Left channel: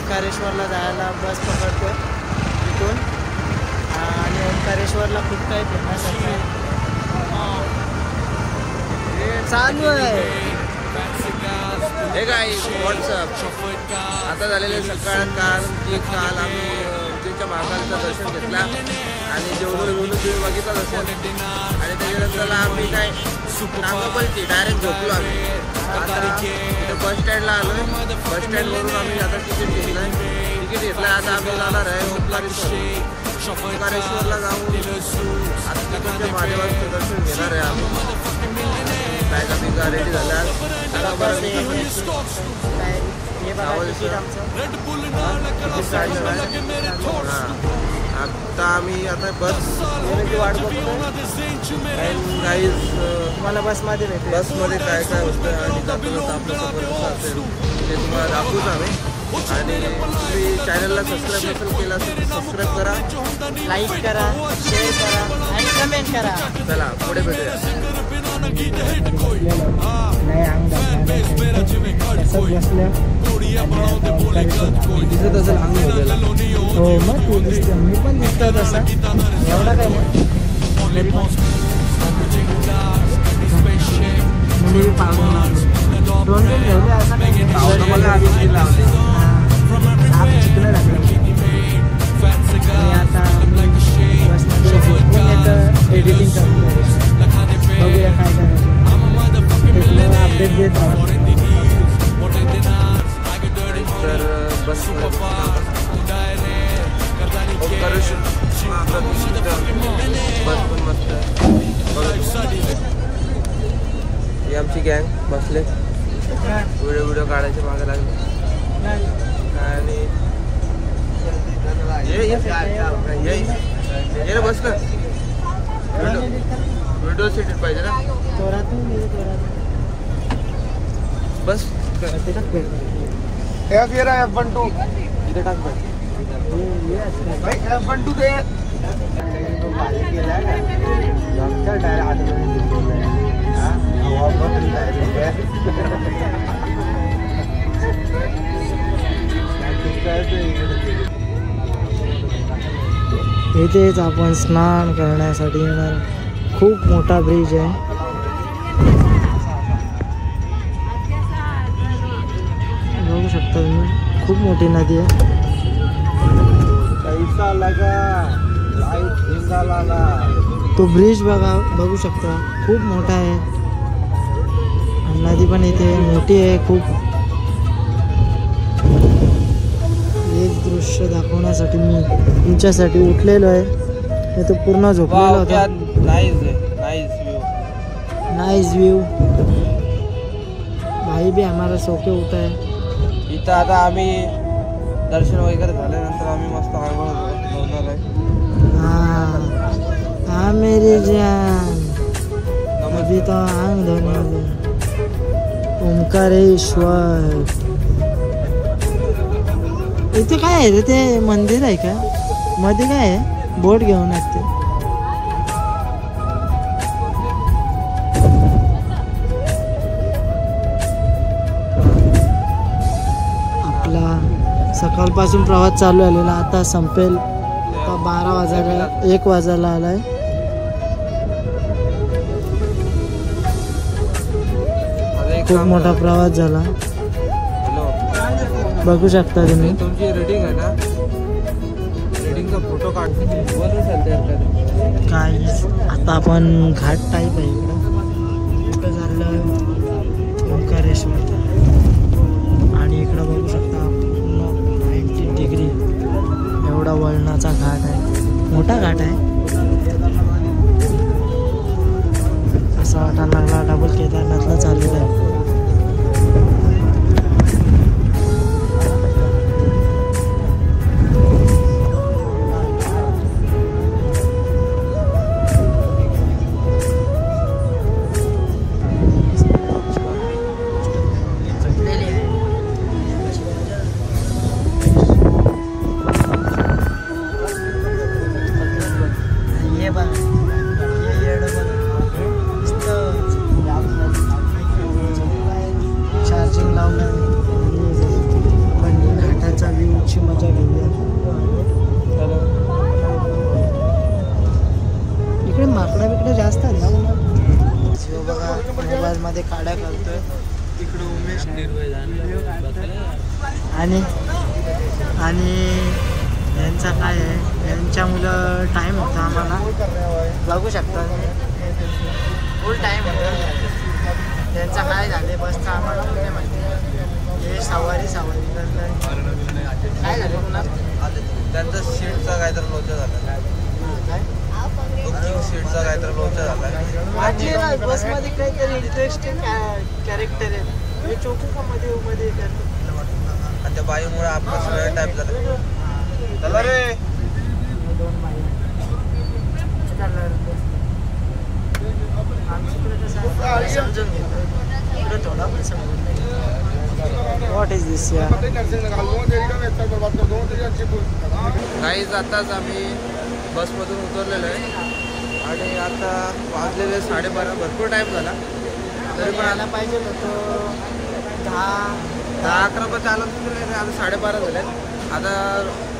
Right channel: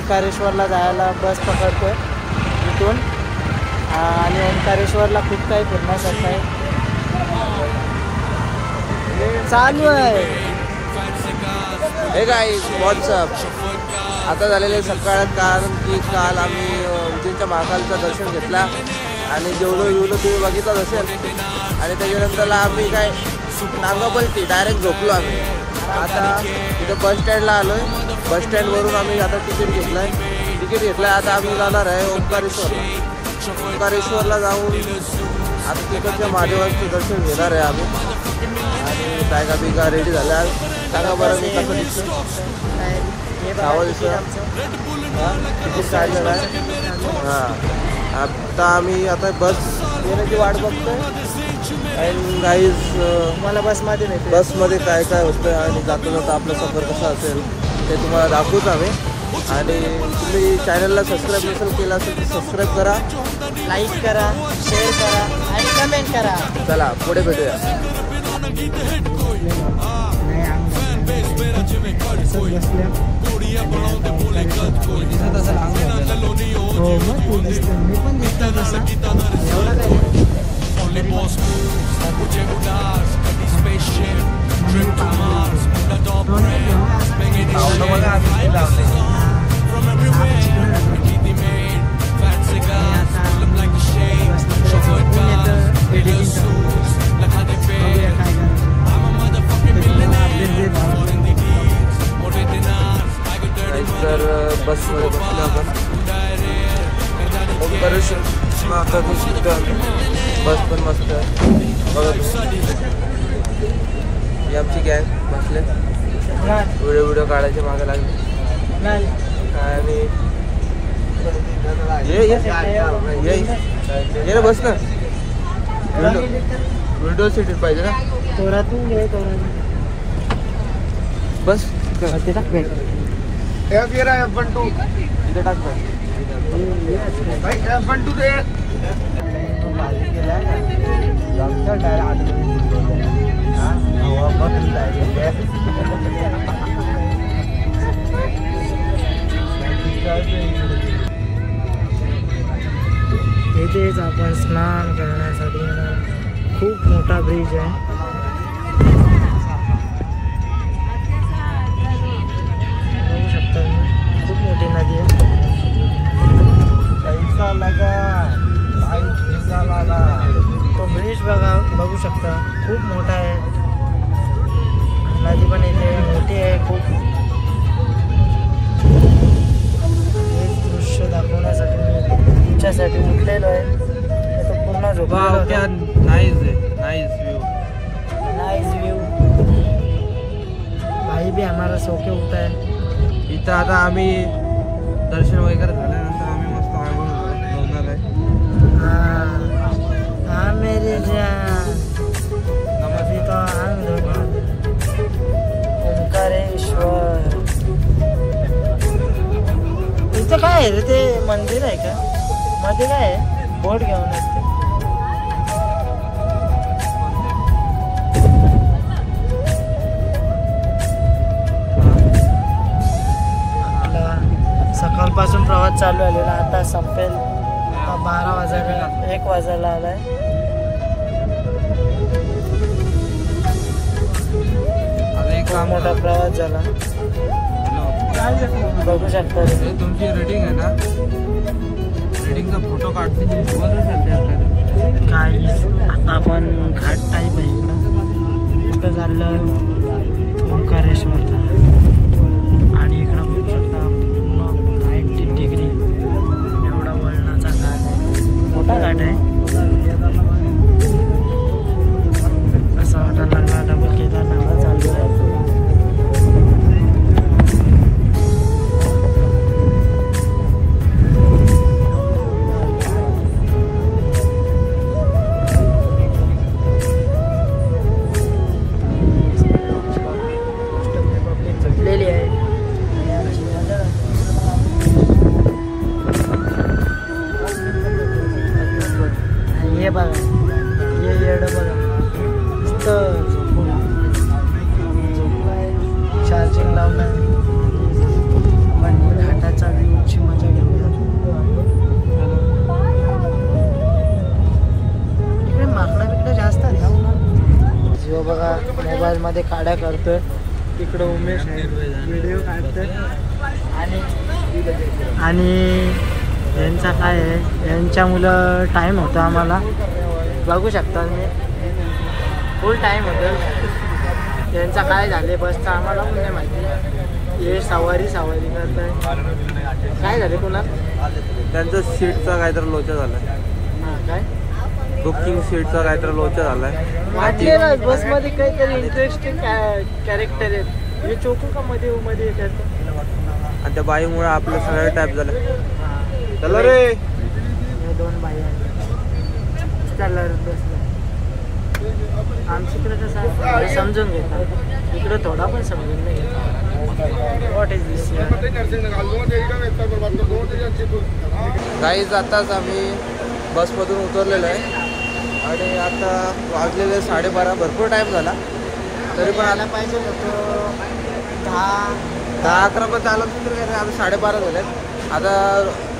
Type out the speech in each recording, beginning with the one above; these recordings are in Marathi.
ओंकारेश्वरला जायला बस पकडतोय इथून आणि ओंकारेश्वरला खूप काही फिरण्यासारखं आहे चालू आहे. हे काय व्हॉट्सअप आता झालेले सकाळ कारण की काल आम्ही उज्जैनच्या महाकालचं दर्शन घेतला आणि जेवढं तुम्ही बघितलंच असेल आणि त्याच्यानंतरला आम्ही काय नांगापलची डायरेक्ट झोपलो आम्ही. आता इथं बस स्टँडला आलो आहे. बस स्टँडवरून आम्ही आता तिकीट घेतलं आहे. आता आम्ही जाणार आहे ओंकारेश्वरला जाऊन आता तिकडच्या महादेवाचं दर्शन घेणार आहे आम्ही. आणि बॅगा बिगा रेडी झाल्या. सांगा बरं मी कसं दिसतो तिकीट काढलं आहे. हां आता आम्ही आता बस येण्याची वाट बघतो आणि गाईज तुम्हाला बसमध्ये काय काय होतं आणि जाताना आपलं सफर कसं असेल ते तुम्हाला दाखवूच आम्ही. आणि तुम्ही चॅनलला सबस्क्राईब नसेल केला असेल तर सबस्क्राईब करा, लाईक करा, शेअर करा आणि कमेंट करा. चला पुढे भेटूया. एवढा काय तर बसमध्ये बसलो आपण ओंकारेश्वर आता बस पण मस्त आहे बघा. आमची गँग बसले व्हिडिओ काढायचे मागे लागले आणि ये ना बस ना विंडो सीट पाहिजे ना बस इथेच आपण स्नान करण्यासाठी येणार. खूप मोठा ब्रिज आहे. बघू शकता तुम्ही खूप मोठी नदी आहे. तो ब्रिज बघू शकता खूप मोठा आहे. नदी पण इथे मोठी आहे खूप. एक दृश्य दाखवण्यासाठी मी तुमच्यासाठी उठलेलो आहे. तो पूर्ण झोपलेला होता. नाइस व्यू भाई भी हमारा सोके उठा है. इथं आता आम्ही दर्शन वगैरे झाल्यानंतर आम्ही मस्त आंघोळ आहे. हाँ मेरे जान अभी तो आंग धोना ओंकारेश्वर. इथं काय आहे रे ते मंदिर आहे का मध्ये काय आहे बोट घेऊन येते. आपला सकाळपासून प्रवास चालू झालेला आता संपेल. आता 12 वाजायला 1 वाजायला आलाय. खूप मोठा प्रवास झाला बघू शकता तुम्ही. तुमची रेटिंग आहे ना रेटिंगचा फोटो काढते काय. आता आपण घाट टाईप आहे इकडं. कुठं चाललं ओंकारेश्वरला आणि इकडं बघू शकता 90 डिग्री एवढा वळणाचा घाट आहे. मोठा घाट आहे. असा वाटायला लागला डबल केदारनाथला चालू आहे. गाड्या करतोय. तिकडं उमेश व्हिडिओ काढतोय. आणि यांचा काय आहे, यांच्या मुलं टाईम होता आम्हाला बघू शकता तुम्ही, फुल टाईम होतं. यांचा काय झाले बसचा आम्हाला पण नाही माहिती. हे सवारी करतोय. काय झाले पुन्हा त्यांचं सीटचा काहीतरी लोचा झाला. हां काय बुकिंग सीटचा काहीतरी लोचा झाला. वाटलेलं बसमध्ये काहीतरी इंटरेस्टिंग कॅरेक्टर आहेत. हे चोकू का मध्ये करतो. आणि त्या बाईमुळे आपलं सगळं टाईप झालं. दोन बाई कलर आमच्याकडे कसं समजून घेतात, इकडे थोडा पण समजून नाही घेतात. व्हॉट इज दिस यार. काहीच आताच आम्ही बसमधून उतरलेलो आहे आणि आता वाजलेले 12:30. भरपूर टाईम झाला तरी पण आला पाहिजे होतो 10-11 पर्यंत आलं तर काय. आता 12:30 झाले. आता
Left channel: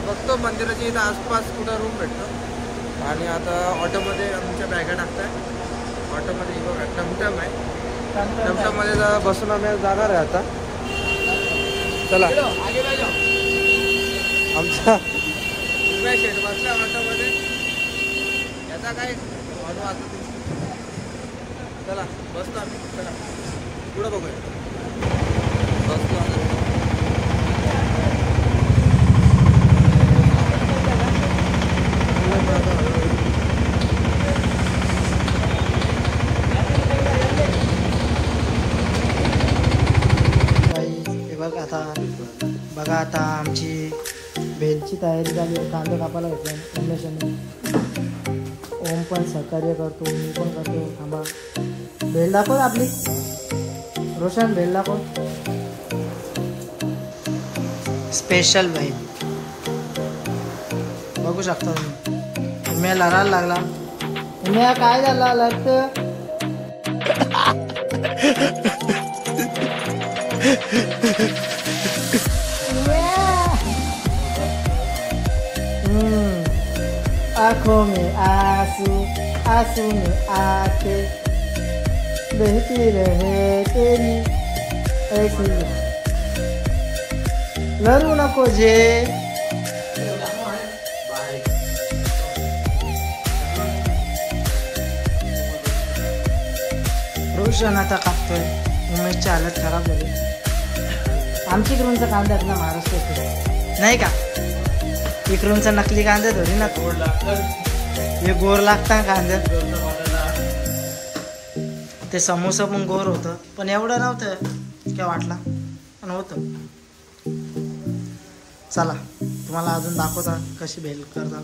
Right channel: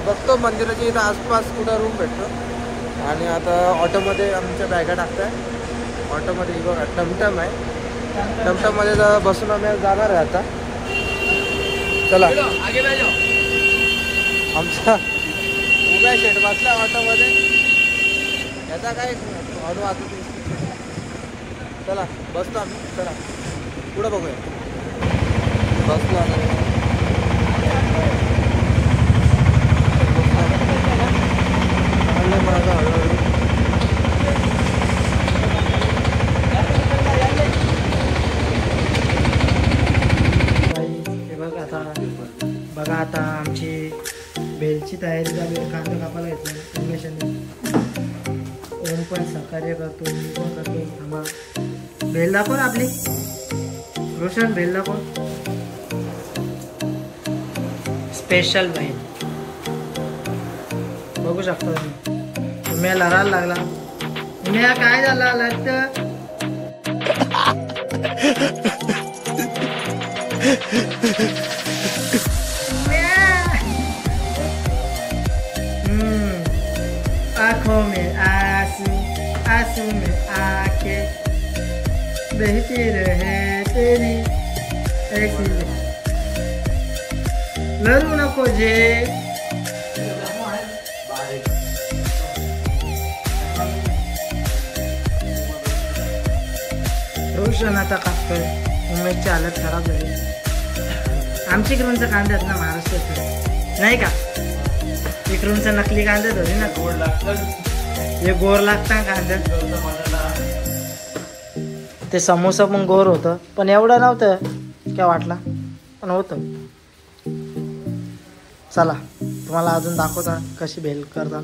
बघतो मंदिराच्या इथं आसपास कुठं रूम भेटतो. आणि आता ऑटोमध्ये आमच्या बॅगा टाकताय. ऑटोमध्ये बघा टमटम आहे. टमटममध्ये बसून आम्ही जाणार आहे आता. चला आमचा उभ्या शेट बसला ऑटोमध्ये. याचा काय ऑटो वाचत नाही. चला बसतो आम्ही. चला पुढं बघूया. बसलो आता. बघा आता आमची बेलची तयारी झाली. कांदा कापायला घेतला उमेशाने. ओम पण सहकार्य करतो, मी पण करतो. थांबा बेल दाखव आपली. रोशन बेल दाखव. स्पेशल बाई बघू शकता तुम्ही. उम्या लढायला लागला. उम्या काय झाला लागत. आँखों में आंसू, आंसू में आंखें, बहती रहे तेरी ऐसी. लड़ू नको जे. रोशन आता कापतोय. उमेशची हालत खराब झाली. आमची इकडूनचा कांदा आहेत ना महाराष्ट्रात नाही का. इकडूनचा नकली कांदा थोडी ना. हे गोर लागता कांदा. ते समोसा पण गोर होतं पण एवढं नव्हतं काय वाटला पण होतं. चला तुम्हाला अजून दाखवता कशी भेल करतात.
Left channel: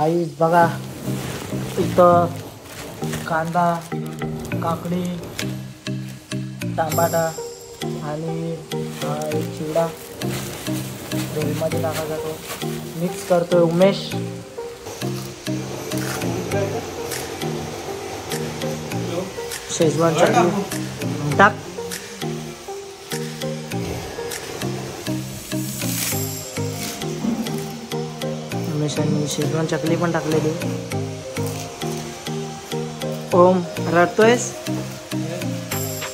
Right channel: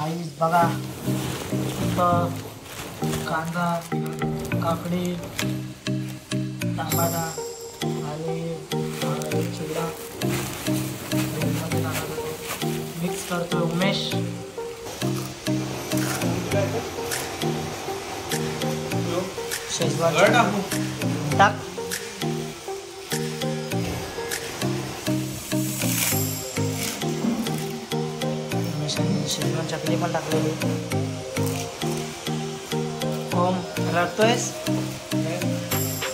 आई बघा इथं कांदा, काकडी, टमाटा आणि चिवडा भेलमध्ये टाका जातो. मिक्स करतोय उमेश. शेजवान चटणी टाक. उमेशाने शेजवान चटणी पण टाकलेली. ओम रडतोयस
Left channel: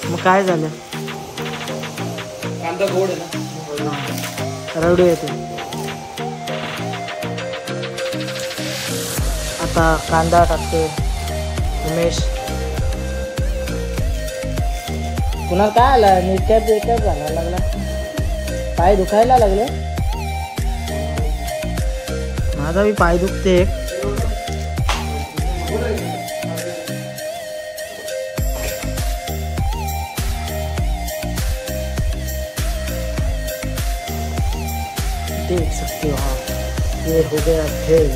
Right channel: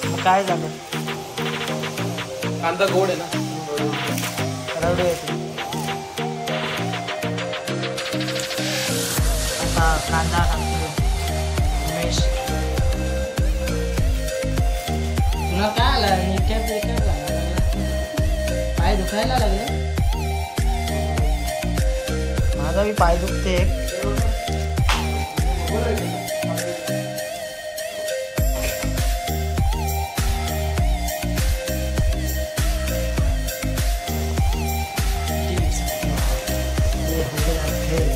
मग काय झालं. कांदा गोड आहे ना. रडू येते. आता कांदा टाकतोय उमेश. पुन्हा काय आला निकॅप बेकॅप घालायला लागला. पाय दुखायला लागले. माझा मी पाय दुखते. देख सकते हो आप ये हो गया भेल.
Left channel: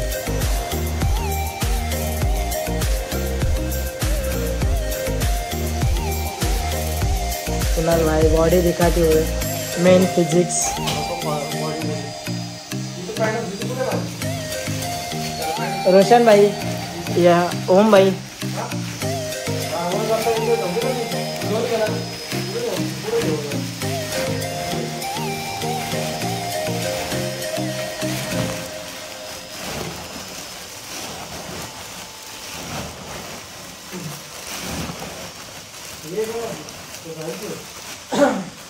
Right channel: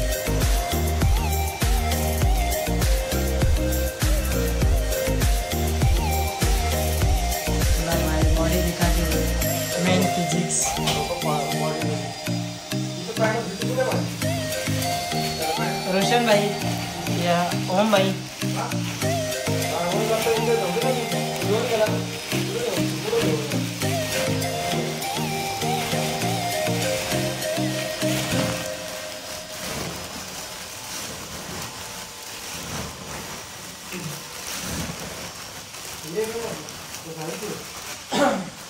कुणाल भाई बॉडी दिखाती हुई मेन फिजिक्स. रोशन भाई या ओम भाई.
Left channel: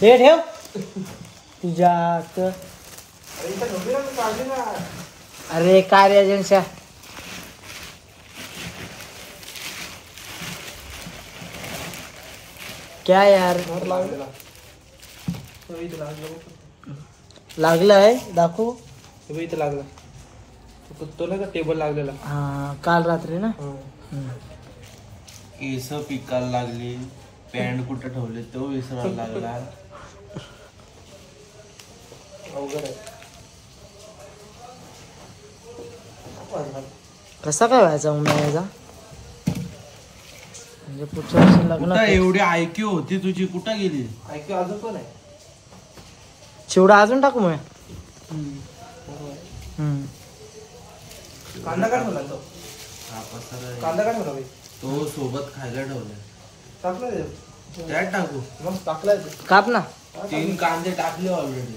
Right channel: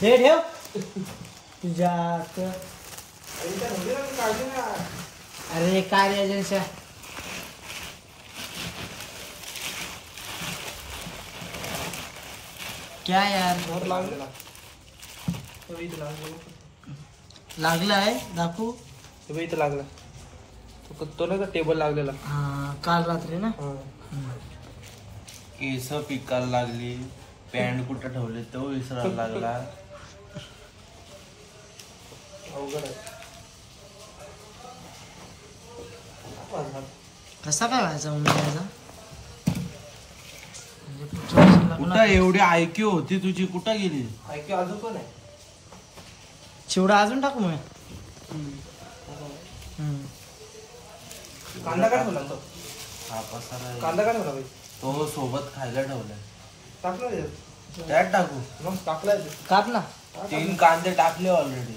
हे ठेव तुझ्या अरे काय रे एजन्सी क्या यार लागलाय दाखवू इथं लागला तो नाही का टेबल लागलेला हा काल रात्री ना केस पिकायला लागली पॅन्ट कुठं ठेवले तो विसरायला लागला कसा काय व्हायचा उन्हाळ्याचा म्हणजे पुढच्या वर्षी लग्न कुठं एवढी आयक्यू होती तुझी कुठं गेली ऐकू अजून पण आहे चिवडा अजून टाकू मग कांदा काय ठेवला तो हा पसारा आहे. कांदा काय ठेवला बाई तो सोबत खायला ठेवलाय टाकलं त्याच्यात? त्यात टाकू मग टाकलाय ते. काप ना 3 कांदे टाकले ऑलरेडी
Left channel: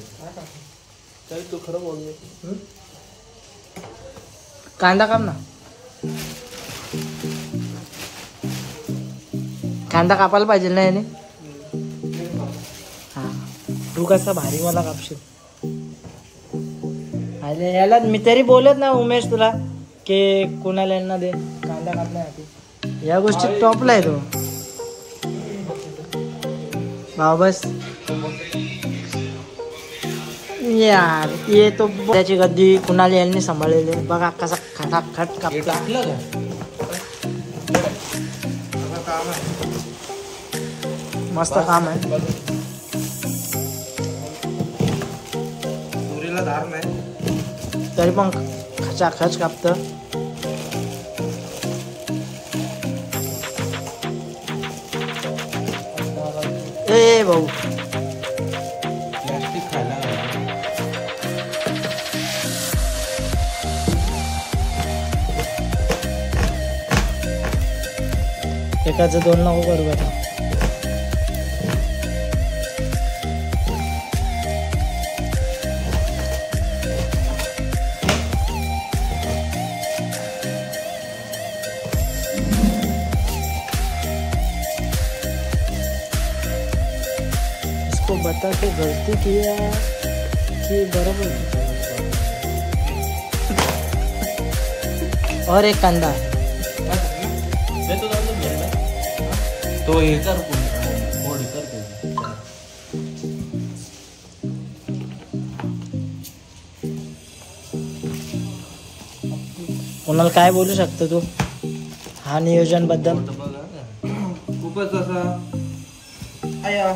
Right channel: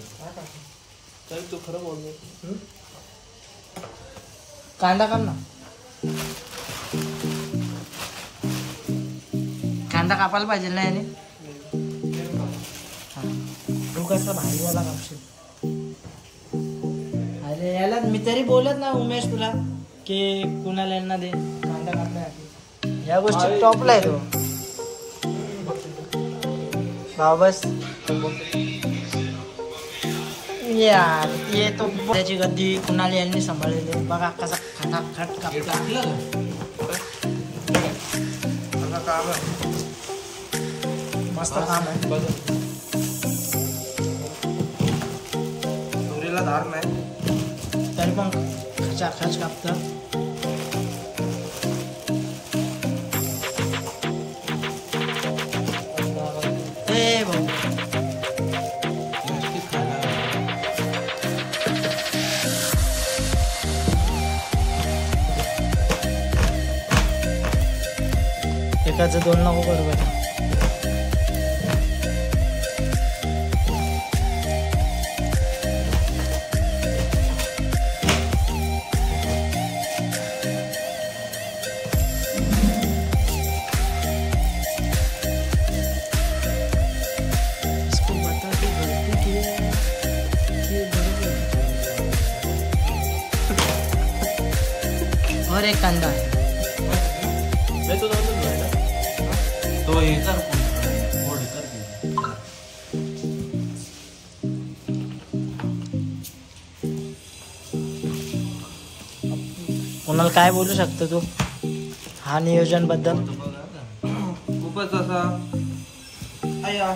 तरी तू खरं बोलले कांदा काप ना कांदा कापायला पाहिजे ना याने हा. तू कसा भारी मला कापशील अरे याला मी तरी बोलत ना उमेश तुला की कोणाला यांना दे कांदा कापण्यासाठी या गोष्टी टॉपला आहे तू हा बस या ये तो त्याची गद्दी कुणाला यांनी सांभाळलेली बघा कसा खटाखट हे कापला टाकलं का काम आहे मस्त काम आहे दोरीला धार नाही तरी पण खचाखच कापत ए भाऊ प्लास्टिक खायला लागलं. एकाचं दोन नको बरोबर इसको बता के गलती की है कि बरोबर और एक कांदा है तो जाऊन दे बरं ना. तो हे कर फोड कर त्याची. कोणाला काय बोलू शकतो तू हा नियोजन बद्दल खूपच असा आया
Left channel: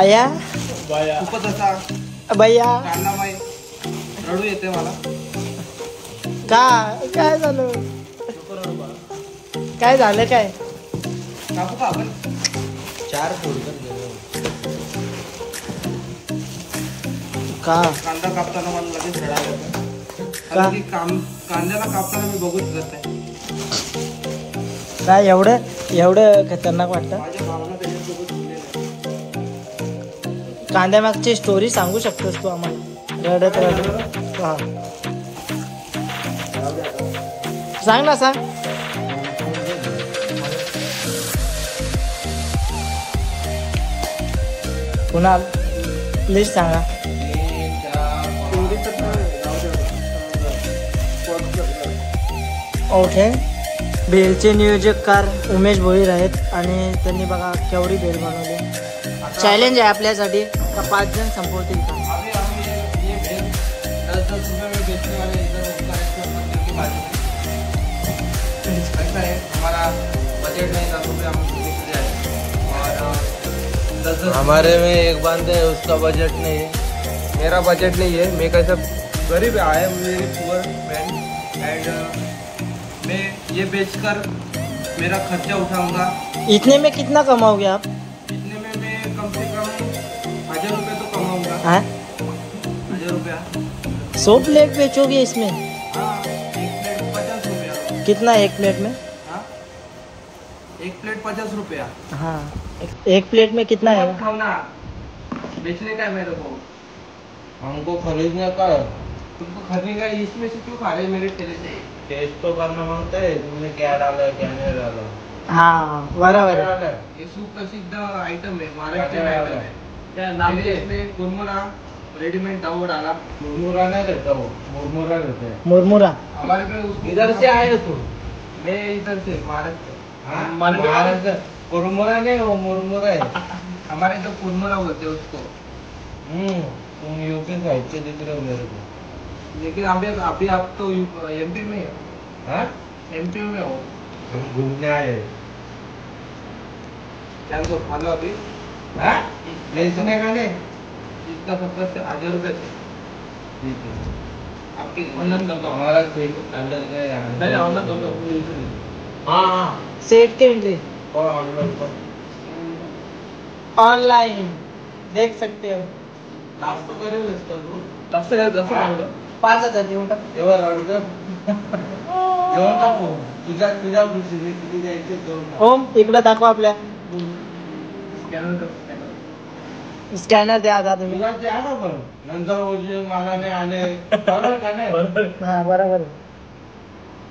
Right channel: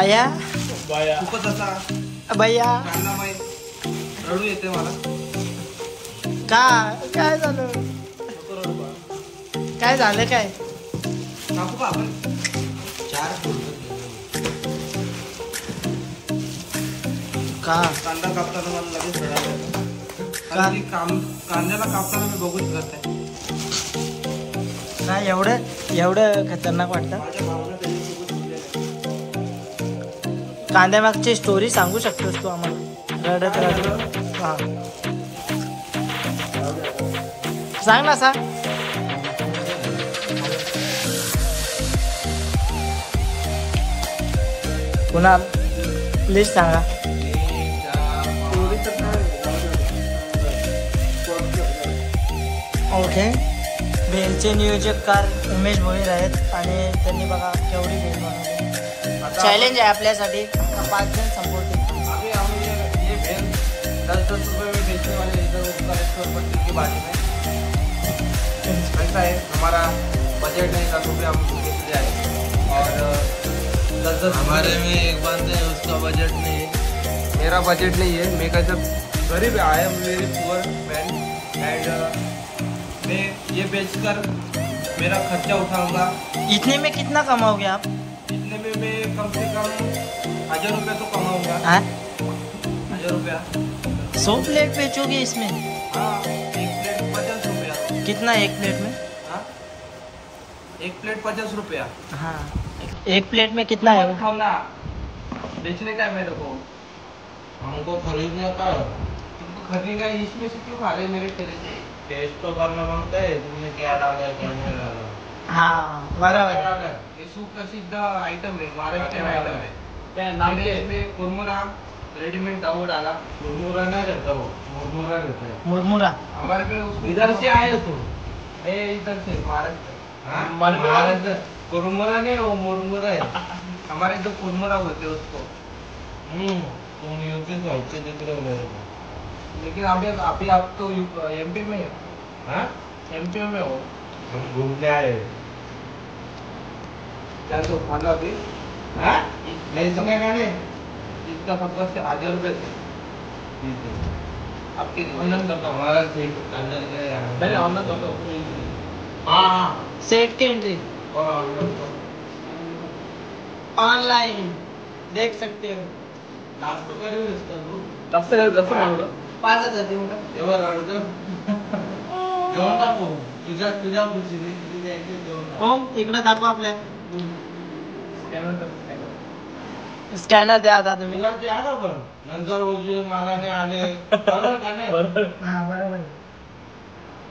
आया खूपच असा भैया कांदा माई रडू येते मला काय झालं काय झालं काय कापू का आपण 4 फोड कर दे. का कांदा कापताना मला लगेच रडायला येतं. का? कारण की कांद्याला कापताना मी बघू शकत नाही काय एवढं खतरनाक वाटतं माझ्या भावना त्याच्यासोबत जुळलेल्या आहेत. कांद्यामागची स्टोरी सांगू शकतोस तू आम्हाला रडत हा सांग ना सांग पुन्हा प्लीज सांगा स्टोरी तर काय जाऊ दे. ओके बेलचे नियोजककार उमेश भोईर आहेत आणि त्यांनी बघा केवढी बेल बनवली आता चॅलेंज आहे आपल्यासाठी 5 जण संपवतील अभी ये भेल 10-10 रुपए में बेचने वाले इधर उसका 170 की बाजू में ऐसा है हमारा बजट नहीं 10 रुपये हम निकल जाए और 10-10 हमारे में एक बंदा है उसका बजट नहीं है. मेरा बजट नहीं है मैं कैसा गरीब I am very poor man end मैं ये बेचकर मेरा खर्चा उठाऊंगा इतने में कितना कमाओगे आप इतने में मैं कम से कम 1000 रुपये तो कमाऊंगा हाँ 1000 रुपया 100 प्लेट बेचोगे इसमें हाँ एक प्लेट 50 रुपया कितना एक प्लेट में हाँ एक प्लेट 50 रुपया हाँ एक प्लेट में कितना है खाओ ना बेचने का है मेरे को हमको खरीदने का है. तुमको खरीदने का है, इसमें से क्यों खा रहे मेरे ठेले से टेस्ट तो करना मांगता है तुमने क्या डाला है क्या नहीं डाला. हाँ बराबर ये सुप्रसिद्ध आइटम है महाराष्ट्रीयन आइटम है इसमें कुरमुरा रेडीमेड दाव डाला। मुरमुरा नहीं रहता वो, मुरमुरा रहता है। मुरमुरा हमारे पे इधर से आए तो मैं इधर से महाराष्ट्र। हाँ, महाराष्ट्र कुरमुरा नहीं, वो मुरमुरा है। हमारे तो कुरमुरा बोलते हैं उसको। तुम यूपी साइड से दिख रहे हो मेरे को। लेकिन अभी आप तो एमपी में हो। हाँ? एमपी में हो। हम घूमने आए। क्या तो फॉलो अभी हाँ? ले सुने गाने? इसका फक्त 1000 रुपये थे। ठीक है। आपके हमारा ठीक अंदर गए। हाँ। सेट के एंट्री कौन? ऑनलाइन देख सकते हो। नाश्ता करेल असतो तू? 5,000 देऊ का? एवढं रडतं? जेवण टाकू. तुझ्या खुशी तुझ्या इथे जेवण टाक. ओम इकडे दाखवा आपल्या स्कॅनर द्या आता तुम्ही. तुला ते आलं पण नंतर उशीर मला नाही आले बरोबर का नाही? हाँ बराबर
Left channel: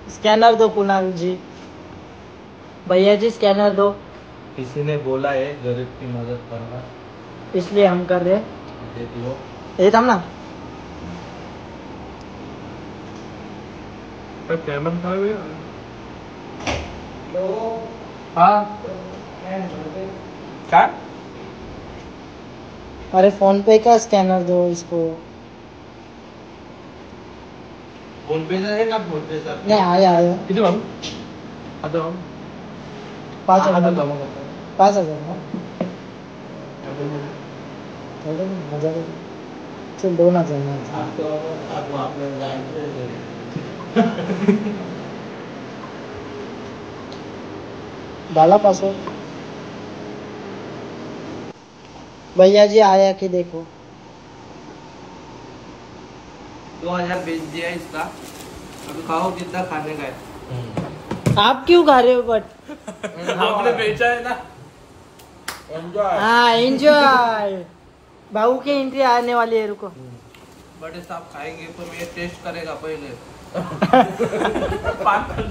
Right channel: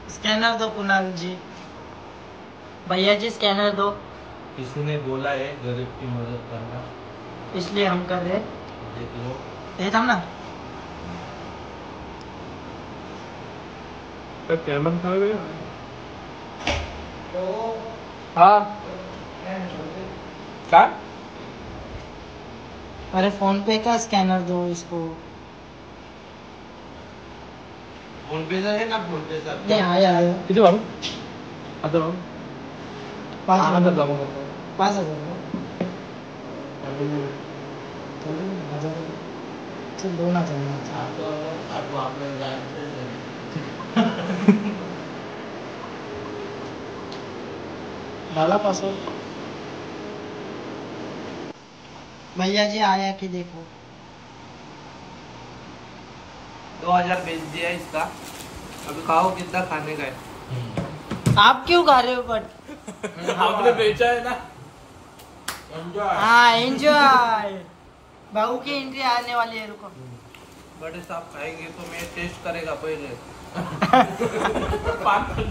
स्कैनर दो कुणाल जी, भैया जी स्कैनर दो। किसी ने बोला है गरीब की मदद करना, इसलिए हम कर रहे हैं। दे दियो. ये थांब ना हाँ क्या? अरे फोन पे का स्कैनर दो इसको। फोन पे से ना बोलते सर. नहीं आया किती बाबू? आता 5,000 5,000 थोडं नाही, 1,000 चल 2,000 बाला पासवर्ड भैया जी आया कि देखो 2000 बेच दिया इसका। अभी खाओ कितना खाने का है। आप क्यों खा रहे हो बट आपने बेचा है ना। हाँ एंजॉय बाबू की एंट्री आने वाली है रुको। बड़े साहब खाएंगे तो मैं टेस्ट करेगा पहले।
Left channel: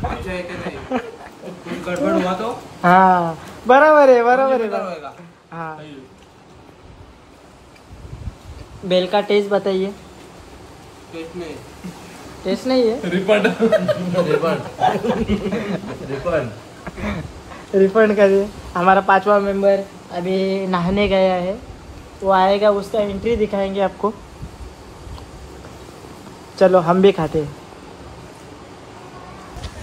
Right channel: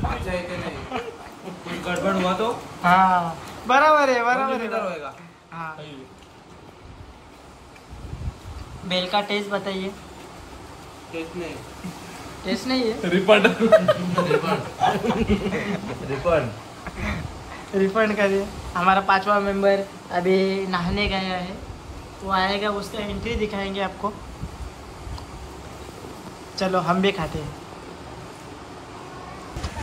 अच्छा है कि नहीं? कुछ गड़बड़ हुआ तो हाँ बराबर है बराबर किधर है। होएगा? हाँ बेल का टेस्ट बताइए। टेस्ट नहीं। टेस्ट नहीं है रिफंड करिए। हमारा 5वां मेंबर अभी नहाने गया है, वो आएगा उसका एंट्री दिखाएंगे आपको। चलो हम भी खाते हैं।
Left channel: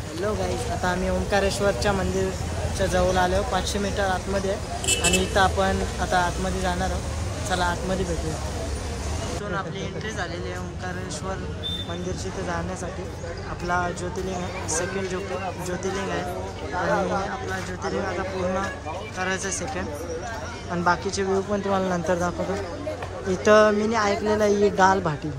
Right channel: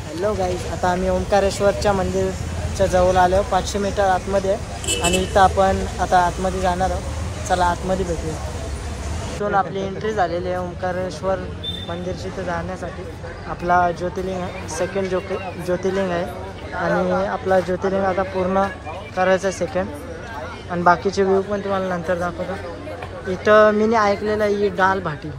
हॅलो गाईज, आता आम्ही ओंकारेश्वरच्या मंदिरच्या जवळ आलो 500 मीटर आतमध्ये आहे आणि इथं आपण आता आतमध्ये जाणार आहोत। चला आतमध्ये भेटूया। इथून आपली एंट्री झालेली आहे ओंकारेश्वर मंदिरची इथं जाण्यासाठी। आपला ज्योतिर्लिंग आहे, सेकंड ज्योतिर्लिंग आहे आणि आपला ज्योतिर्लिंग आता पूर्ण करायचं आहे सेकंड। आणि बाकीचे व्ह्यू पण तुम्हाला नंतर दाखवतो। इथं मी ऐकलेलं आहे ही दाल भाटी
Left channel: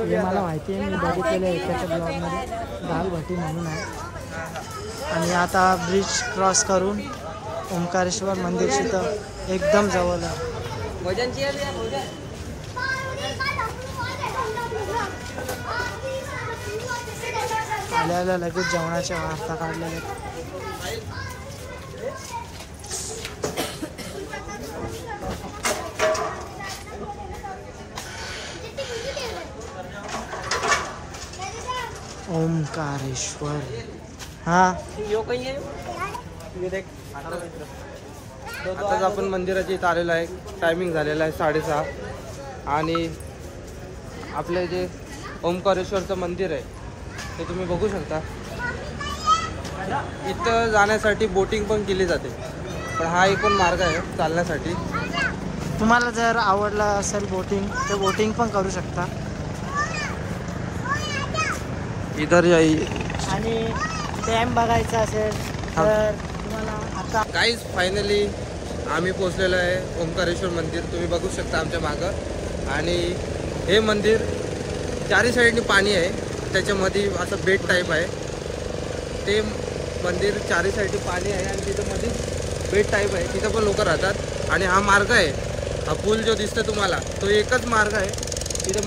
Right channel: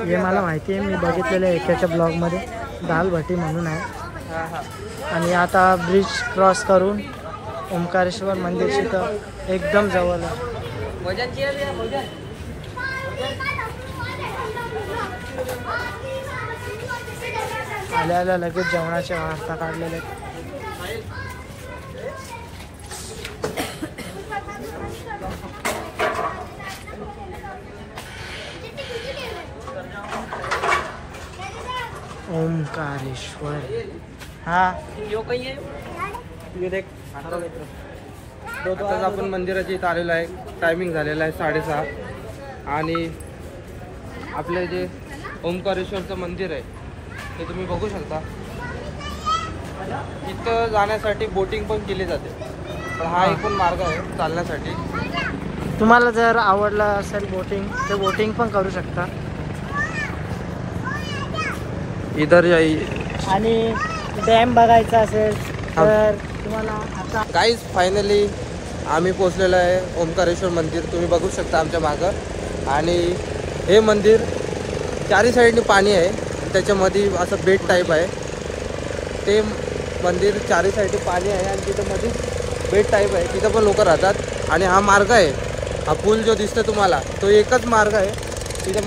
हे मला माहिती आहे, मी बघितलेलं आहे एकाच्या ब्लॉगमध्ये दाल भाटी म्हणून आहे। आणि आता ब्रिज क्रॉस करून ओंकारेश्वर मंदिरशी तर एकदम जवळ आहे। आल्याला लगेच जेवणाच्या वार्ता काढलेल्या आहेत। ओंकारेश्वर हाँ आताच आपण मंदिराच्या इथं आलेलो आहे। टायमिंग झालेला आहे 6:30 आणि आपलं जे ओंकारेश्वरचं मंदिर आहे ते तुम्ही बघू शकता। इथं जाण्यासाठी बोटिंग पण केली जाते, पण हा एकूण मार्ग आहे चालण्यासाठी। तुम्हाला जर आवडलं असेल बोटिंग तर बोटिंग पण करू शकता। इधर आणि डॅम बघायचा असेल तर तुम्हाला आता गाईज फायनली आम्ही पोचलेलो आहे ओंकारेश्वर मंदिर। तुम्ही बघू शकता आमच्या मागं। आणि हे मंदिर चारी साईडनी पाणी आहे, त्याच्यामध्ये असं बेट टाईप आहे। ते मंदिर चारी साईडनी पाणी आहे आणि तिथं मध्ये बेट टाईप आहे, तिथं पण लोक राहतात। आणि हा मार्ग आहे, हा पूल जो दिसतो तुम्हाला तो एकच मार्ग आहे तिथं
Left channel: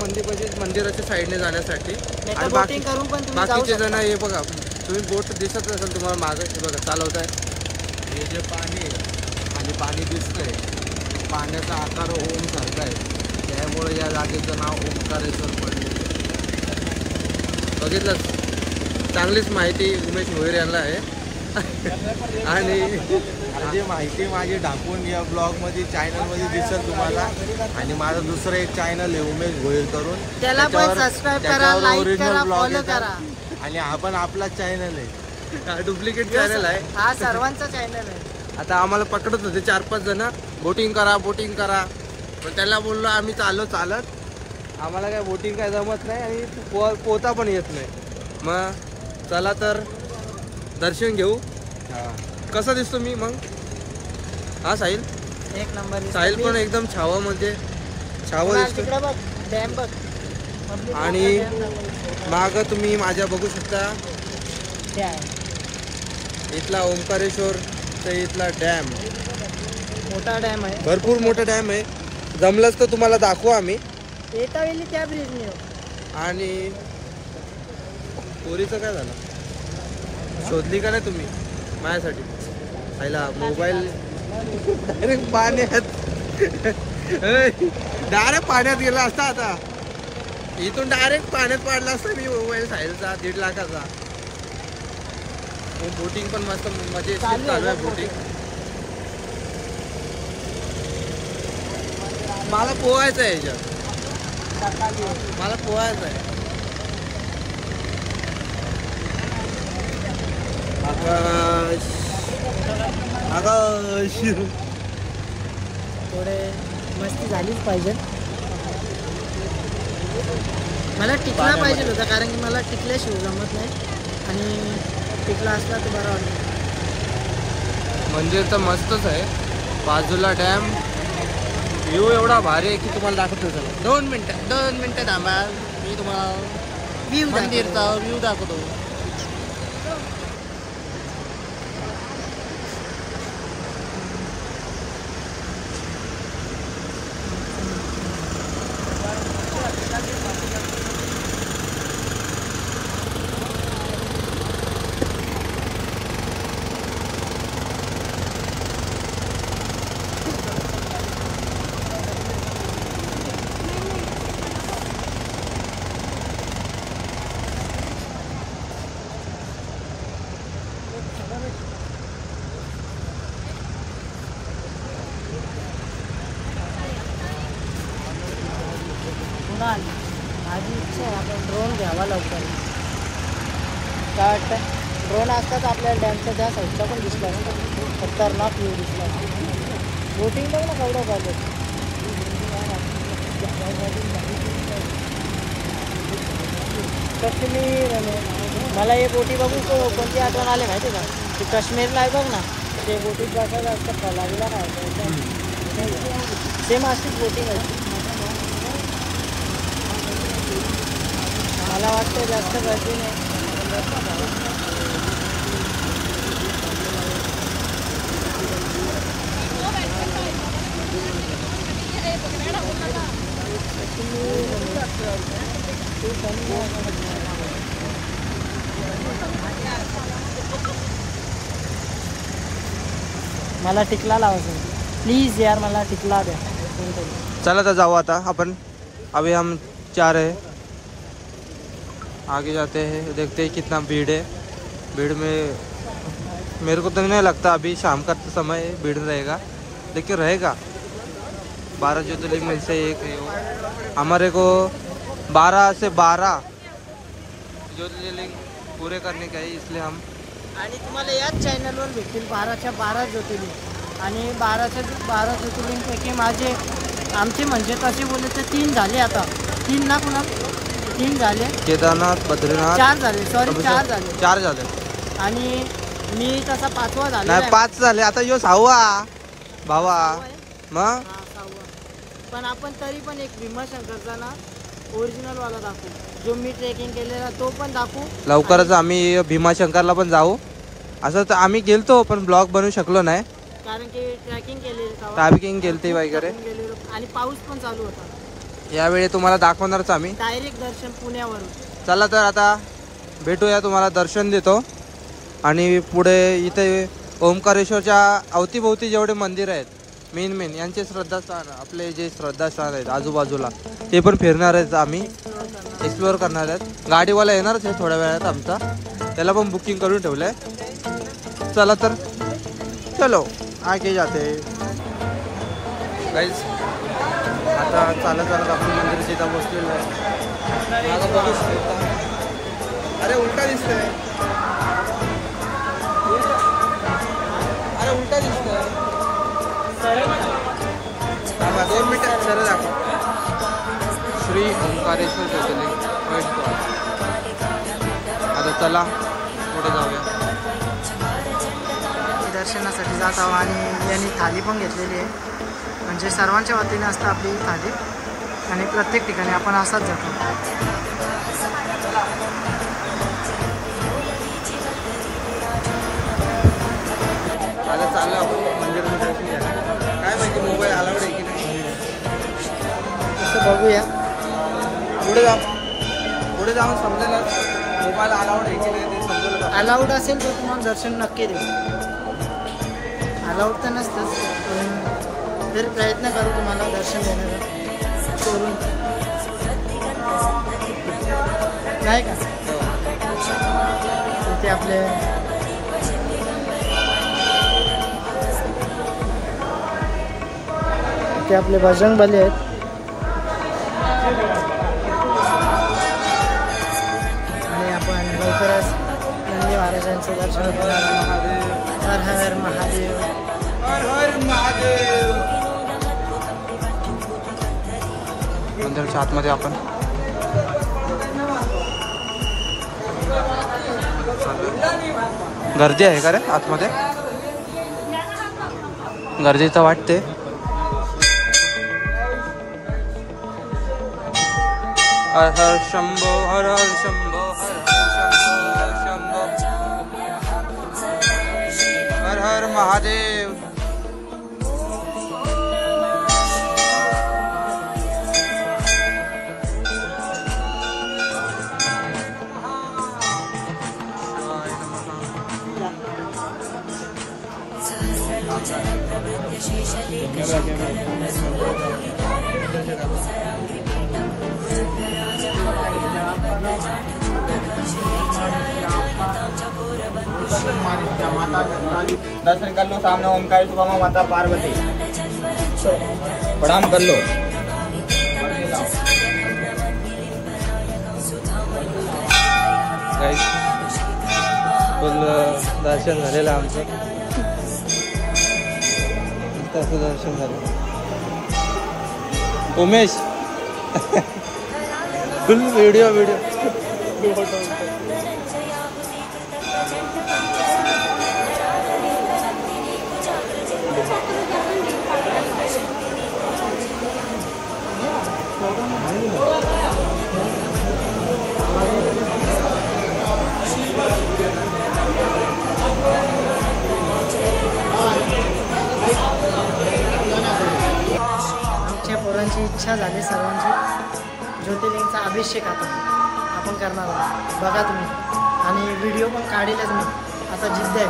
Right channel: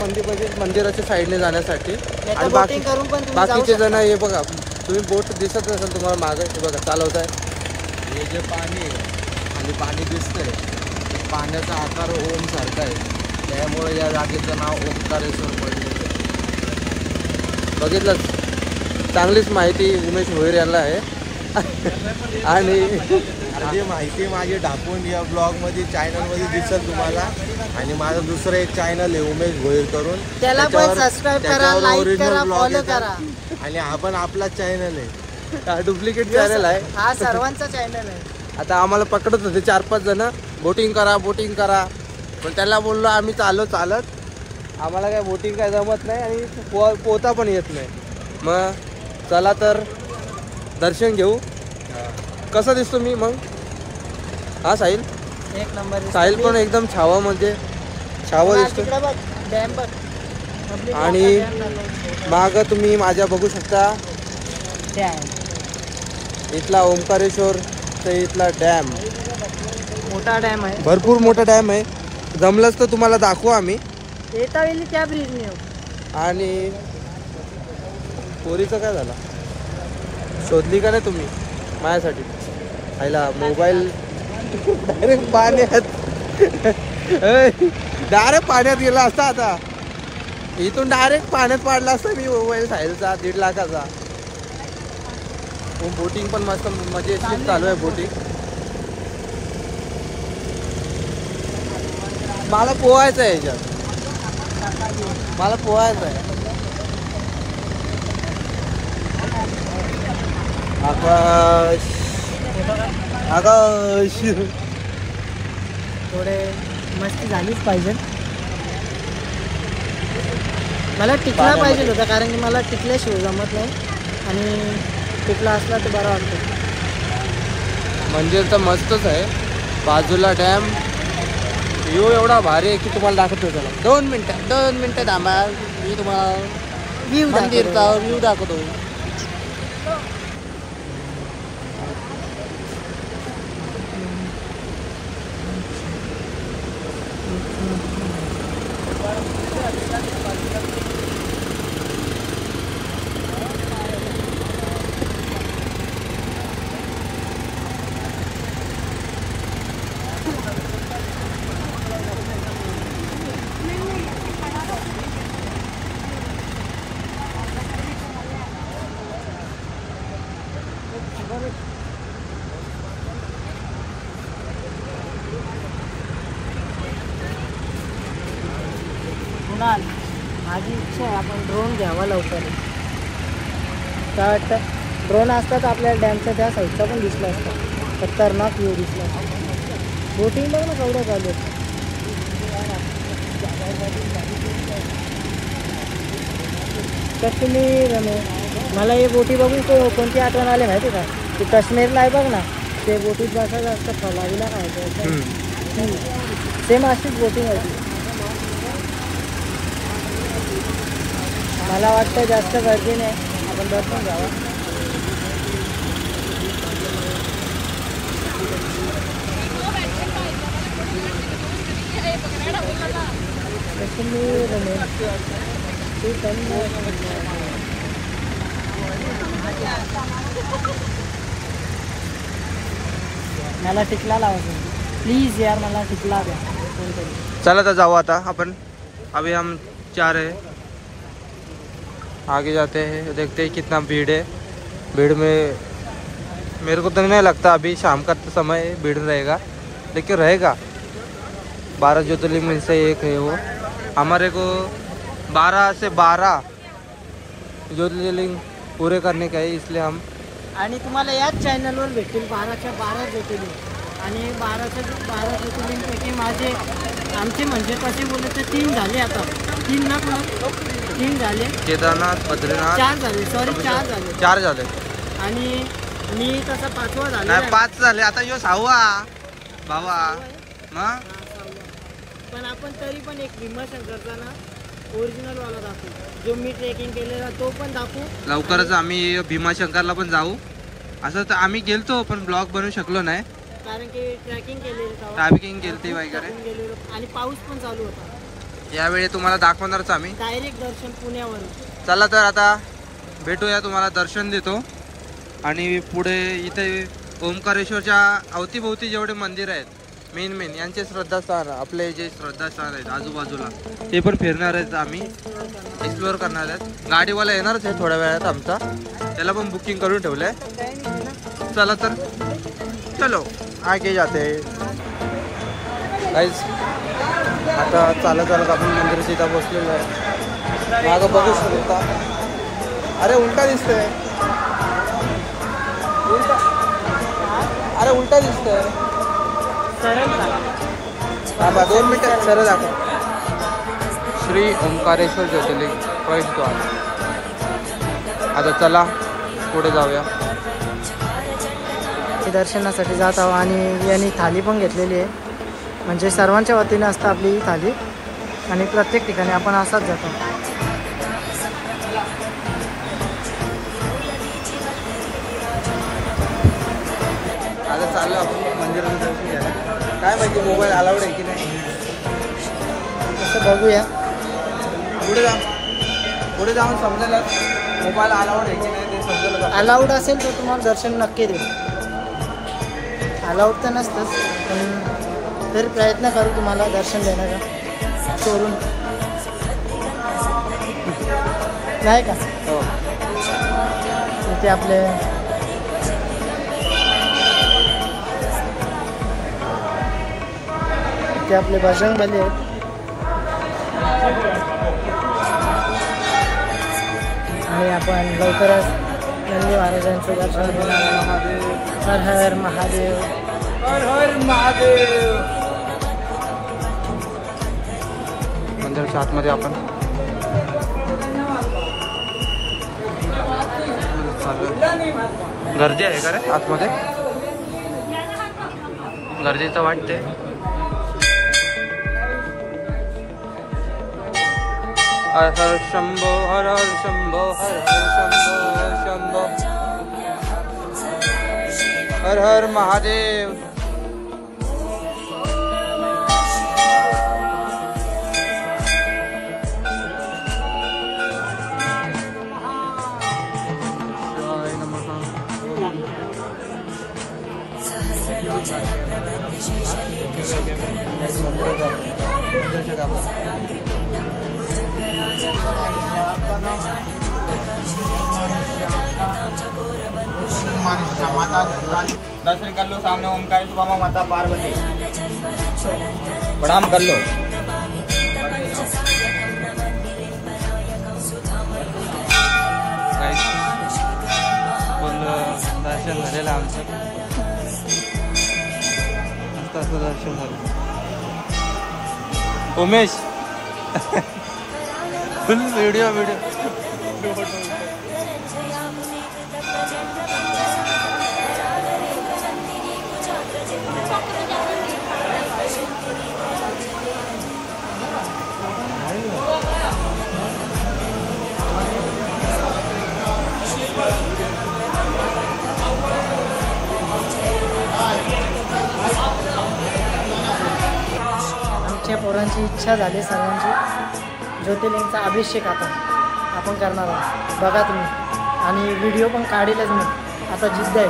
मंदिराच्या साईडने जाण्यासाठी। आणि boating करून पण तुम्ही जाऊ बाकीचे जण शकता। हे बघा तुम्ही बोट दिसत नसेल तुम्हाला मागं, हे बघा चालवत आहे. हे जे पाणी आहे आणि पाणी दिसतंय ते पाण्याचा आकार ओम सारखा आहे, त्यामुळे या जागेचं नाव ओंकारेश्वर पडलेलं आहे. बघितलं, चांगलीच माहिती उमेश भोईर यांना आहे. आणि ही माहिती माझी टाकून या ब्लॉगमध्ये चॅनलमध्ये दिसेल तुम्हाला. आणि माझं दुसरं एक चॅनल आहे उमेश भोईर करून, त्याला पण सबस्क्राईब करा, लाईक करा, फॉलो करा. आणि हा पण आपला चॅनल आहे, डुप्लिकेट चॅनल आहे, हा सर्वांचा चॅनल आहे. आता आम्हाला पकडत होते 4-5 जण, बोटिंग करा. पण त्यांना बोललो आम्ही चालत आम्हाला काय बोटिंग काय जमत नाही आणि पोहता पण येत नाही. मग चला तर दर्शन घेऊ. कसा दिसतो मी मग? हा साहिल, एक नंबर. साहिल पण एकदम छावा म्हणजे छावा दिसतो. तिकडं बघ, डॅम बघ. आणि माग तुम्ही माझ्या बघू शकता इथला ओंकारेश्वर ते इथला डॅम, मोठा डॅम आहे, भरपूर मोठा डॅम आहे. जमलंच तर तुम्हाला दाखवू आम्ही. येता वेळी त्या ब्रिजने. आणि पोरीचं काय झालं, शोधली का नाही तुम्ही माझ्यासाठी? आईला मोबाईल डायरेक्ट पाण्यात गेला असता. आता इथून डायरेक्ट पाण्यात पाडला असता मी मोबाईल साहिलचा 1.5 लाखाचा. बोटिंग पण मस्त म्हणजे चालू आहे बोटिंग. मला पोहायचं आहे याच्यात, मला पोहायचं आहे. आकाश थोडे मस्ती झालीच पाहिजे. मला टिकला पाहिजे होता, कारण की मला टिकल्याशिवाय जमत नाही. आणि टिकला असला तर बरा वाटतं. मंदिर तर मस्तच आहे, बाजूला डॅम. व्ह्यू एवढा भारी आहे की तुम्हाला दाखवतो. चला 2 मिनिटं थांबा, मी तुम्हाला मंदिरचा व्ह्यू दाखवतो. माझी इच्छा आहे आपण ड्रोन घ्यावा लवकर. काय वाटतं? ड्रोन असतात आपल्या डॅमच्या त्या साईडचा पण दिसला असतात, खतरनाक व्ह्यू दिसला. बोटिंग बघ ना केवढं चालू. तर तुम्ही मला हे बोटी बघून कोणती आठवण आली माहिती का? ते काश्मीरला आहे बघ ना, ते बोटीत बसायला असतं फलावीला काय सेम अशीच बोटिंग आहे. मला वाटतं जास्त गर्दी नाही. मला टिकला लावायचं प्लीज यार, मला टिकला द्या कोणतरी. चला तर जाओ आता अपन. अभी हम 4 है, आगे जाते हैं, देखते हैं कितना भीड़ है. भीड़ में मेरे को तो नहीं लगता अभी शाम का समय भीड़ रहेगा, लेकिन रहेगा. 12 ज्योतिर्लिंग में से एक है वो. हमारे को 12 से 12 ज्योतिर्लिंग पूरे करने का है, इसलिए हम. आणि तुम्हाला याच चॅनलवर भेटतील 12च्या 12 ज्योतिर्लिंग. आणि 12च्या 12 ज्योतिर्लिंगपैकी माझे आमचे म्हणजे कसे बोलले तर 3 झाले. आता 3 ना पुन्हा 3 झाले. केदारनाथ, बद्रीनाथ 4 झाले, सॉरी 4 झाले. 4 झाले. आणि मी तसा 5वा झाला. नाही 5 झाले, आता यो 6वा भावा. मग पण आपण तरी पण एक भीमाशंकरचा ना ओरिजिनल वाला दाखवू, जो मी ट्रेकिंग केलेला तो पण दाखवू. लवकरच आम्ही भीमाशंकरला पण जाऊ. असं तर आम्ही गेलतो पण ब्लॉग बनवू शकलो नाही, कारण की ट्रॅकिंग केलेली, ट्रॅकिंग केलती वगैरे, आणि पाऊस पण चालू होता. यावेळी तुम्हाला दाखवणारच आम्ही. डायरेक्ट दर्शन पुण्यावरून. चला तर आता भेटूया, तुम्हाला दर्शन देतो. आणि पुढे इथे ओंकारेश्वरच्या अवतीभोवती जेवढे मंदिर आहेत मेन यांचे श्रद्धास्थान, आपले जे श्रद्धास्थान आहेत आजूबाजूला ते पण फिरणार आहेत, आम्ही एक्सप्लोअर करणार आहेत. गाडीवाला येणारच आहे थोड्या वेळात आमचा, त्याला पण बुकिंग करून ठेवलं आहे. चला तर चलो आगे जाते गाईज. आता चालत आपण मंदिराच्या इथं बसलेलो आहे. मागं बघू शकता, अरे उलटा दिसतोय, उलटा, अरे उलटा दिसतोय. थांबा 2 मिनिटं सरळ दाखवा. श्री ओंकारेश्वर ज्योतिर्लिंग फर्स्ट द्वार. आता चला पुढे जाऊया. दर्शनासाठी जात आहोत आणि यांनी थाली पण घेतलेली आहे, म्हणजे सर्वांच्या वतीने असतं आपली ही थाली आणि प्रत्येक ठिकाणी आपण असाच जातो. आता चाललं आपण मंदिराचं दर्शन घ्यायला. काय माहिती मोबाईल अलाउड आहे की नाही, तसं बघूया. पुढे जाऊन समजेल मोबाईल अलाउड आहे की नाही ते समजेल. अलाउड असेल तर तुम्हाला दर्शन नक्की देऊ. अलाउड तर नसतंच, पण तरी प्रयत्न करू तुम्हाला दर्शन देण्याचा चोरून, नाही का. इथे आपले बजरंगबली आहेत. आणि आपण लवकरच नंदी महाराजांचं दर्शन घेणार. हर हर महादेव, हर हर महादेव. मंदिराच्या आतमध्ये आपण गर्दी आहे का रे आतमध्ये, गरजेचं वाटते. हर हर शंभो, हर हर शंभो, हर हर शंभो शंभो, हर हर महादेव. दर्शन कर लो, सामने ओंकारेश्वर माता पार्वती, प्रणाम कर लो. फुल दर्शन झालेलं आमचं, मस्त दर्शन झालं. उमेश फुल व्हिडिओ आमच्या पोरांची इच्छा झाली सर्वांची, ज्योतिर्लिंगचा अभिषेक आपण करणार आहोत. बघा तुम्ही, आणि व्हिडिओ पण काढीलच मी. आता जिद्द आहे.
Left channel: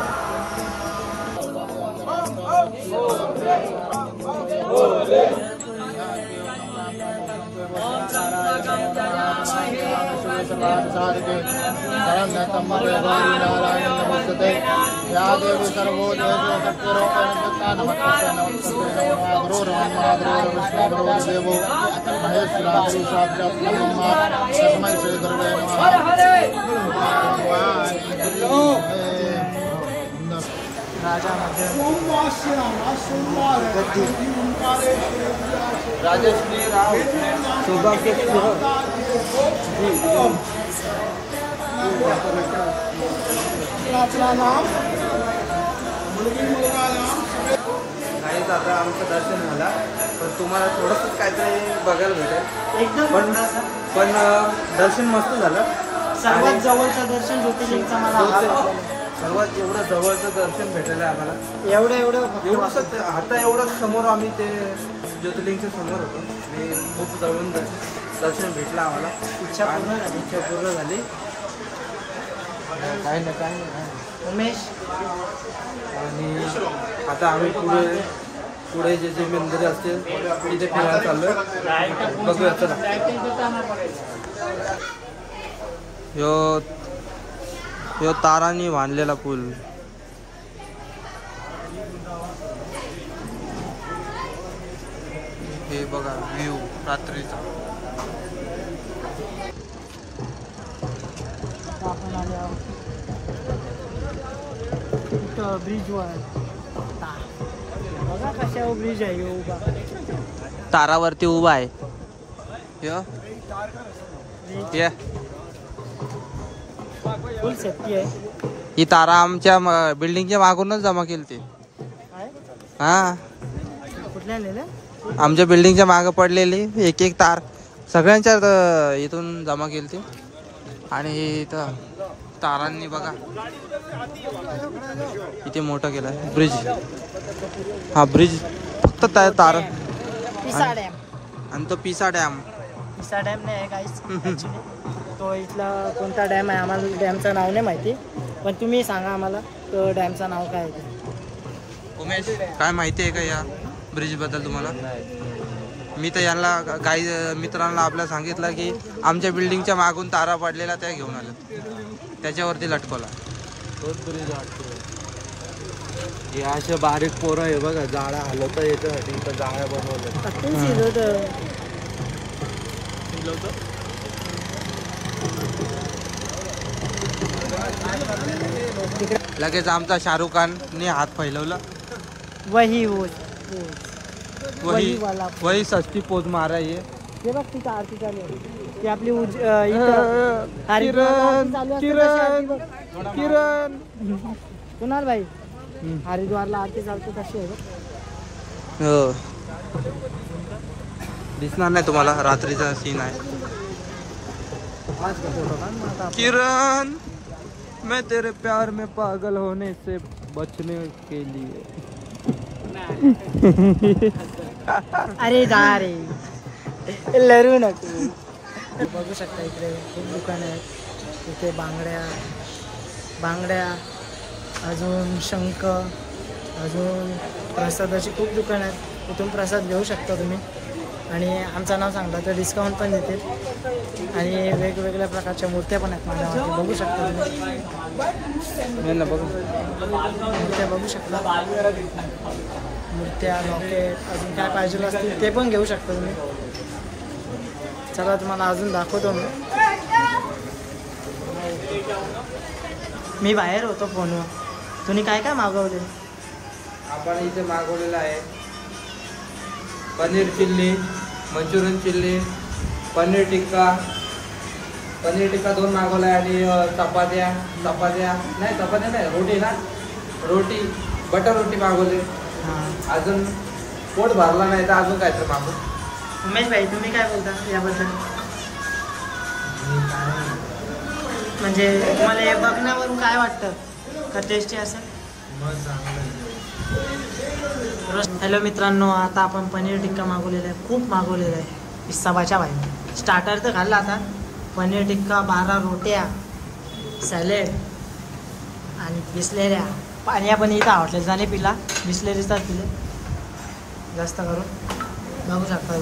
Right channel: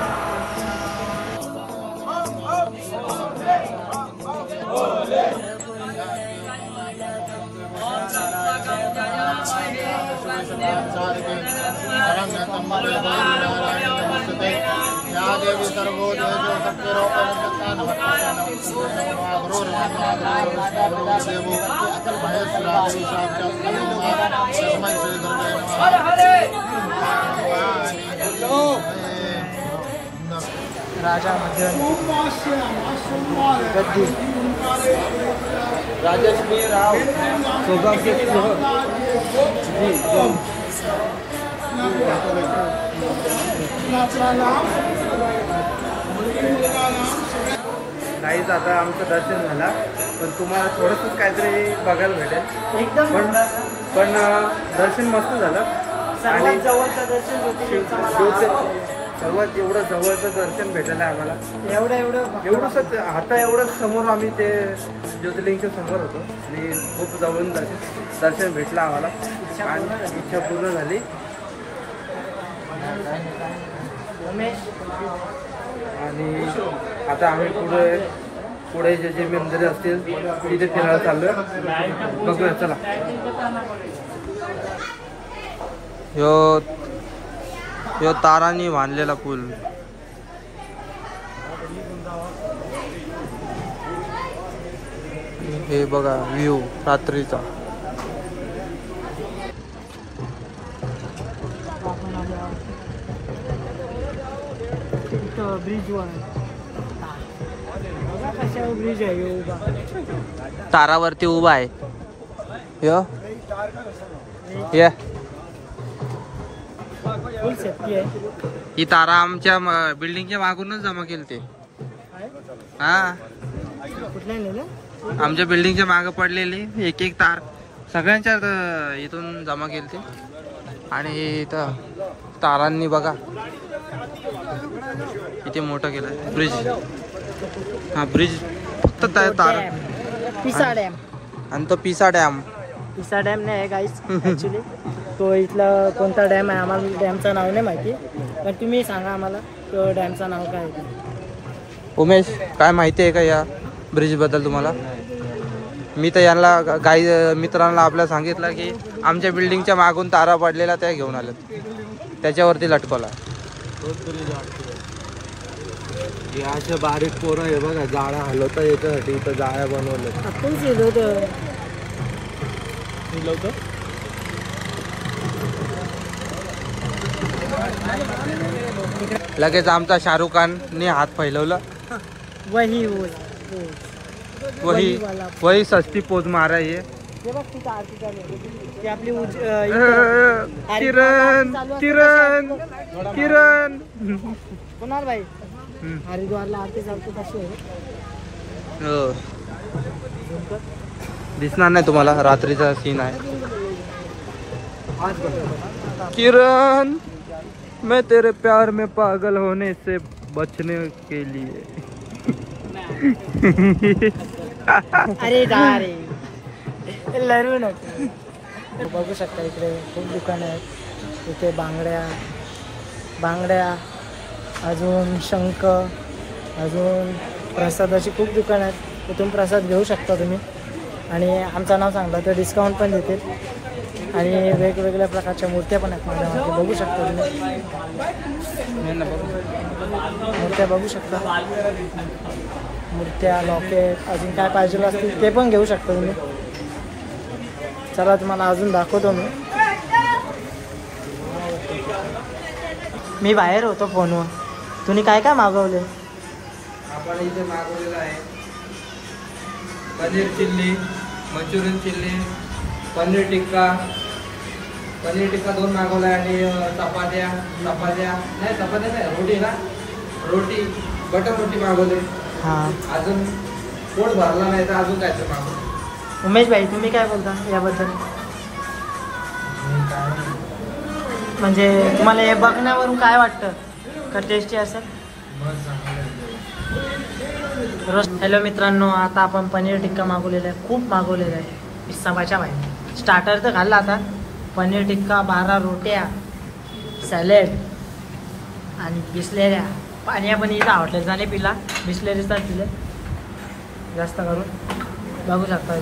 राजा गद्दी राजश्री राव सौभाग्य नाहीच. आता आमचं दर्शन झालं, पण तुम्हाला थोडंसं काहीतरी बघायला भेटेल. एकदम पण दर्शन मस्त झालं. आणि जवळचं दर्शन ज्योतिर्लिंगचं मला आवडलं. सर्वात एवढं जवळचं दर्शन भेटलं आहे आम्हाला. एवढंच आता एवढंच समोर आम्ही ते ज्योतिर्लिंगच्या समोर होतो आणि खूप जवळून दर्शन भेटलं आम्हाला आणि इच्छा पूर्ण झाली. उमेश आणि आता आम्ही पुढे जे जे मंदिरे असतील तिथे फिरायला चाललोय. बघूया चला. ह्यो तारांनी बांधलेला पूल. हे बघा व्ह्यू रात्रीचा. आपण आले आहोत इथं ब्रिजवर. बघा कशावर ब्रिज आहे उभा. तारावरती उभा आहे ये. फुल सेफ्टी आहे. ही तारा आमच्या बिल्डिंगच्या मागूनच जमा केली ते. हा कुठल्या नेलं? आमच्या बिल्डिंगच्या मागं पडलेली एक एक तार सगळ्यांच्या इथून जमा केली ती. आणि हे इथं तारांनी बघा किती मोठं केलं ब्रिज. हा ब्रिज फक्त तार. पिसा डॅम. आणि तो पिसा डॅम. पिसा डॅम नाही आहे गाईस ॲक्च्युली. तो इथला कोणता डॅम आहे आम्हाला डॅमचं नाव नाही माहिती, पण तुम्ही सांगा आम्हाला तो डॅमचं नाव काय आहे. उमेश काय माहिती आहे का या ब्रिज बद्दल तुम्हाला? मी तर यांना काही मित्रांना आपल्या सांगितलं की आमच्या बिल्डिंगच्या मागून तारा पडलेला त्या घेऊन आलेत, त्याच्यावरती लटकवला. हे असे बारीक पोरं आहे बघा, जाळ्या हलवता येतं इथं जाळ्या बनवल्या. आपण शिरवतं. लगेच आमचा शाहरुख खानने हात फैलवला. वही वही सस्ती पोज मारा ये. ते बघ तिथं आरती चालू आहे. ती आपली किरण किरण किरण कुणाल भाई हरिद्वारला आरती चालतो तशी आहे. हो दिसणार नाही तुम्हाला, रात्रीचा सीन आहे. किरण मैं तेरे प्यार में पागल होने से बचने के लिए. अरे दारे लरू नको. बघू शकता इकडे खूप दुकानं आहेत. इथे बांगड्या अजून शंख, अजून प्रसादाची खूप दुकानं आहेत. इथून प्रसाद घेऊ शकता तुम्ही. आणि आमचं नाव सांगलं तर डिस्काउंट पण देतील. आणि वेगवेगळ्या प्रकारच्या मूर्त्या पण आहेत माझ्या मागे, बघू शकता तुम्ही. मूर्त्या बघू शकता. मूर्त्या, लॉकेट, अजून काय पाहिजे असतील ते पण घेऊ शकता तुम्ही. चला तुम्हाला अजून दाखवतो मी बाहेर होतो फोनवर. तुम्ही काय काय मागवले? आपण इथे मागवलेलं आहे paneer chilli, Manchurian chilli, paneer tikka 2 मागवल्या. आणि चपात्या नाही रोटी ना, रोटी बटर रोटी मागवले. हां अजून पोट भरला नाही तर अजून काय तर मागवलं. उमेश भाई तुम्ही काय बोलता याबद्दल? म्हणजे तुम्हाला हे बघण्यावरून काय वाटतं का टेस्टी असेल? हॅलो मित्रांनो, आता आपण पनीर टिक्का मागवलेला आहे. खूप मागवलेलं आहे सबाच्या भाई. स्टार्टर तर खाल्ला आता. पनीर टिक्का, 12 रोट्या, सॅलेड आणि बिस्लेऱ्या. पाणी पण इथं आवडले जाणे पिला, बिस्लेरीचा पिले जास्त करून. बघू शकता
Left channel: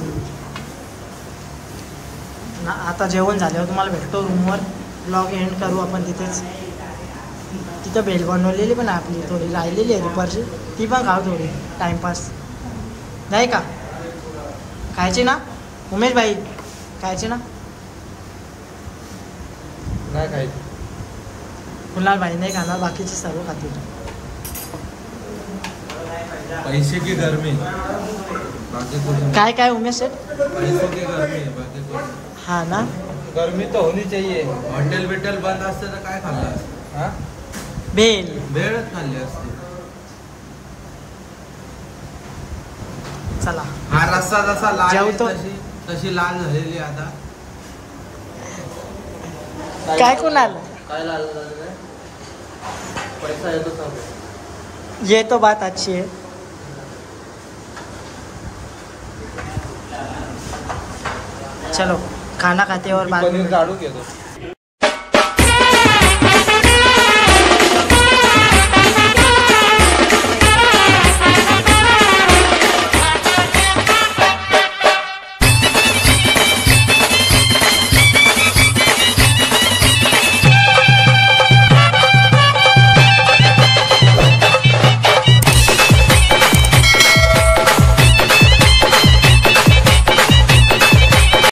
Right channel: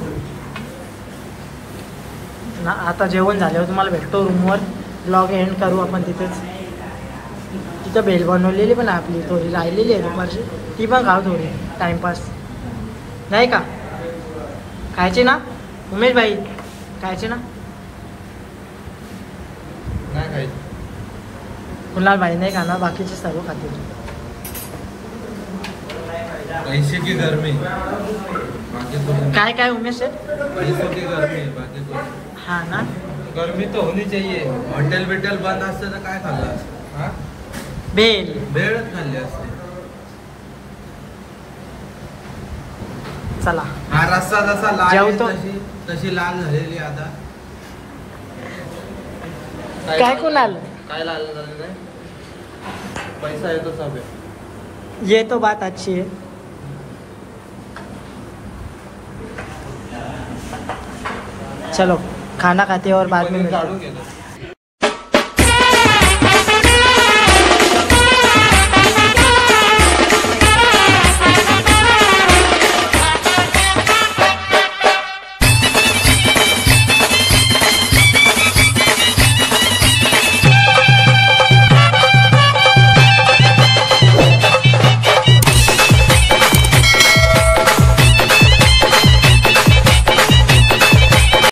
ना. आता जेवण झाल्यावर तुम्हाला भेटतो रूमवर. ब्लॉग एंड करू आपण तिथेच. तिथं भेल बनवलेली पण आपली थोडी राहिलेली आहे दुपारची, ती पण खाऊ थोडी टाइमपास नाही का? खायची ना उमेश भाई? खायची ना? नाही खायचं. कुणाल भाई नाही खाणार, बाकीचे सर्व खातील. पैसे की गरमी काय काय उमेश आहे? पैसे की गरमी. हा ना, गर्मी तो होनी चाहिए. हॉटेल बंद असते तर काय खाल्लं असतं? भेळ खाल्ली असते. चला हा रस्सा जसा लाल जेवतो. तशी लाल झालेली आता. काय कुणाल काय लाल झालं नाही, पैसा येतो सब. ये तो बात अच्छी है. चलो खाना खाते और बाद में काढून घेतो.